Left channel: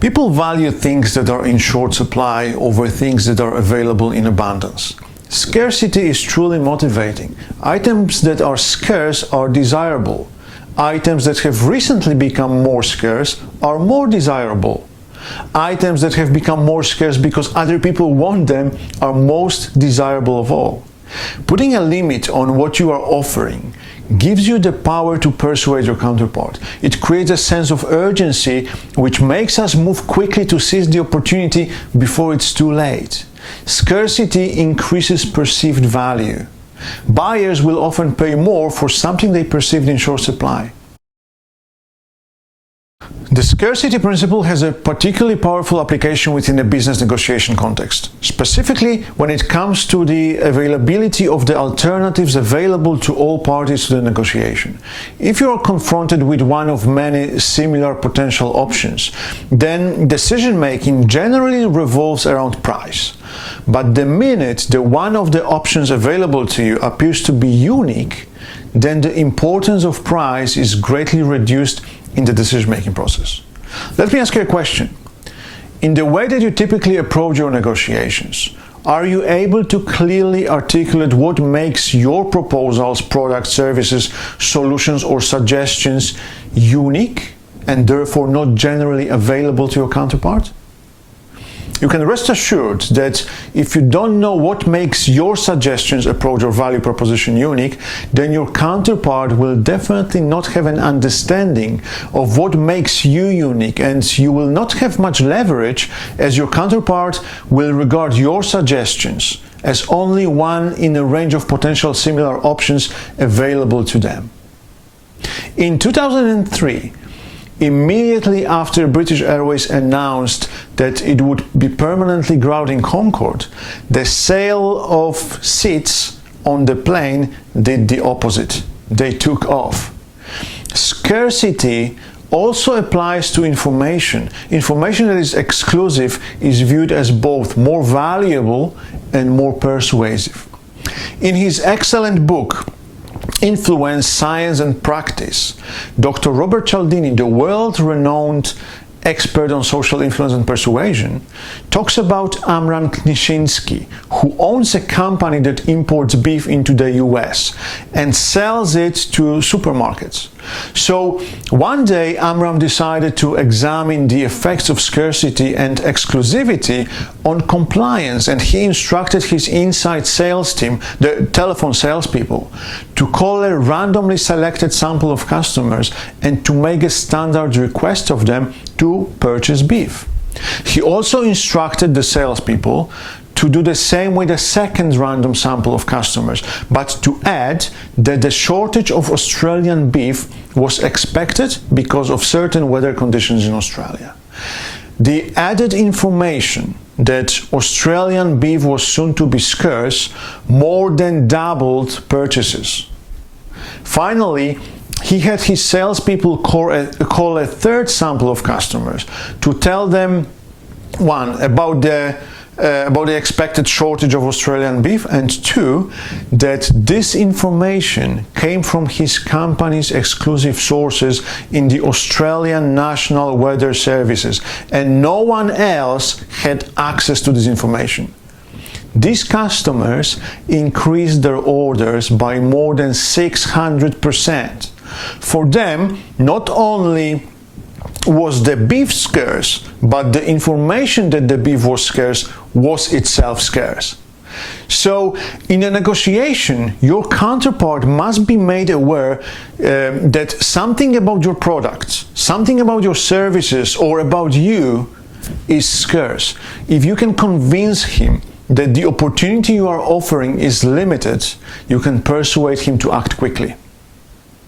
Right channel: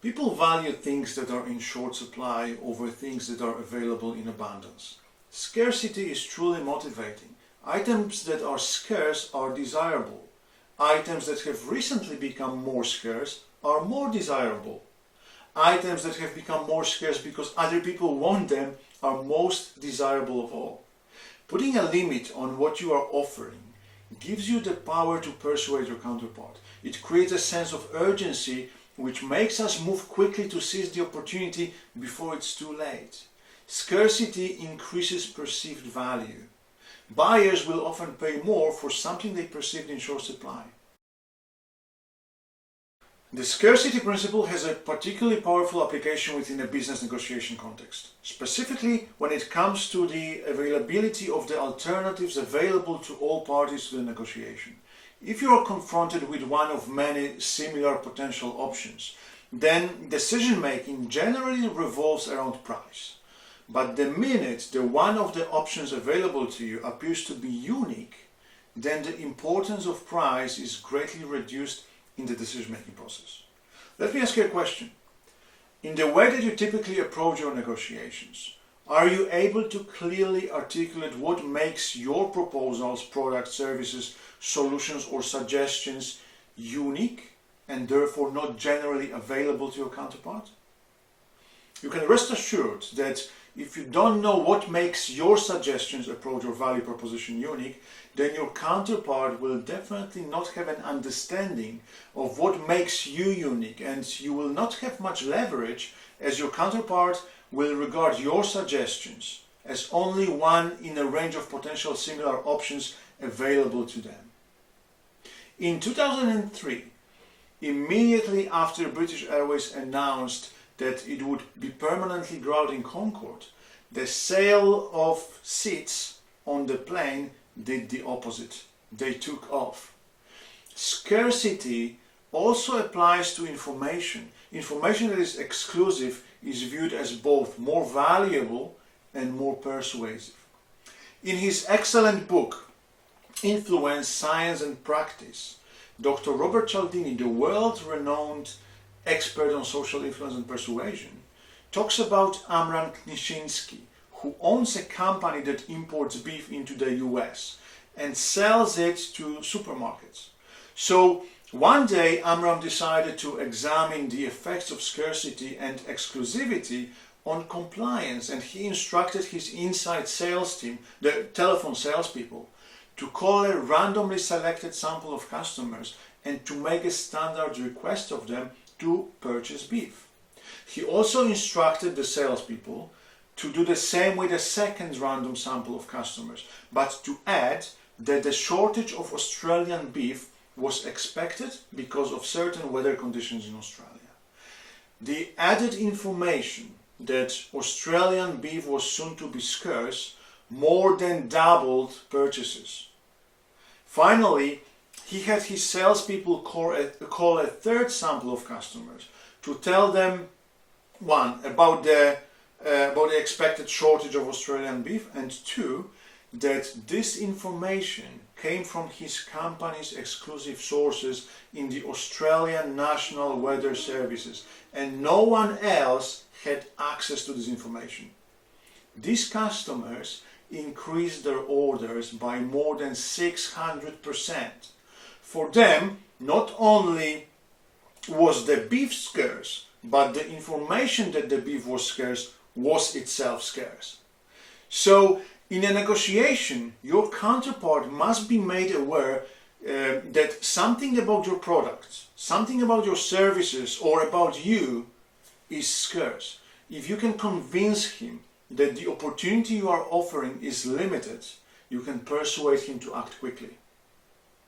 People value things that are in short supply over things that are available in abundance. Scarcity is truly motivating. Items that are scarce are desirable. Items that have recently become more scarce are more desirable. Items that have become more scarce because other people want them are most desirable of all. Putting a limit on what you are offering gives you the power to persuade your counterpart. It creates a sense of urgency which makes us move quickly to seize the opportunity before it's too late. Scarcity increases perceived value. Buyers will often pay more for something they perceived in short supply. The scarcity principle has a particularly powerful application within a business negotiation context, specifically when it comes to the availability of the alternatives available to all parties to the negotiation. If you are confronted with one of many similar potential options, then decision-making generally revolves around price. But the minute the one of the options available to you appears to be unique, then the importance of price is greatly reduced in the decision-making process. Let me ask you a question. In the way that you typically approach your negotiations, are you able to clearly articulate what makes your proposals, products, services, solutions, or suggestions unique and therefore not generally available to your counterpart? You can rest assured that if you don't know what makes your suggestions, approach, or value proposition unique, then your counterpart will definitely not have an understanding of what makes you unique, and you will not have much leverage as your counterpart will regard your suggestions as only one in a range of potential similar options available to them. In 2003, immediately after British Airways announced that it would be permanently grounding Concorde, the sale of seats on the plane did the opposite. They took off. Scarcity also applies to information. Information that is exclusive is viewed as both more valuable and more persuasive. In his excellent book, Influence, Science and Practice, Dr. Robert Cialdini, the world-renowned expert on social influence and persuasion, talks about Amram Knishinsky, who owns a company that imports beef into the US and sells it to supermarkets. So one day Amram decided to examine the effects of scarcity and exclusivity on compliance, and he instructed his inside sales team, the telephone salespeople, to call a randomly selected sample of customers and to make a standard request of them to purchase beef. He also instructed the salespeople to do the same with a second random sample of customers, but to add that the shortage of Australian beef was expected because of certain weather conditions in Australia. The added information that Australian beef was soon to be scarce more than doubled purchases. Finally, he had his salespeople call a third sample of customers to tell them, one, about the expected shortage of Australian beef, and two, that this information came from his company's exclusive sources in the Australian National Weather Services, and no one else had access to this information. These customers increased their orders by more than 600%. For them, not only was the beef scarce, but the information that the beef was scarce was itself scarce. So in a negotiation, your counterpart must be made aware that something about your products, something about your services, or about you is scarce. If you can convince him that the opportunity you are offering is limited, you can persuade him to act quickly.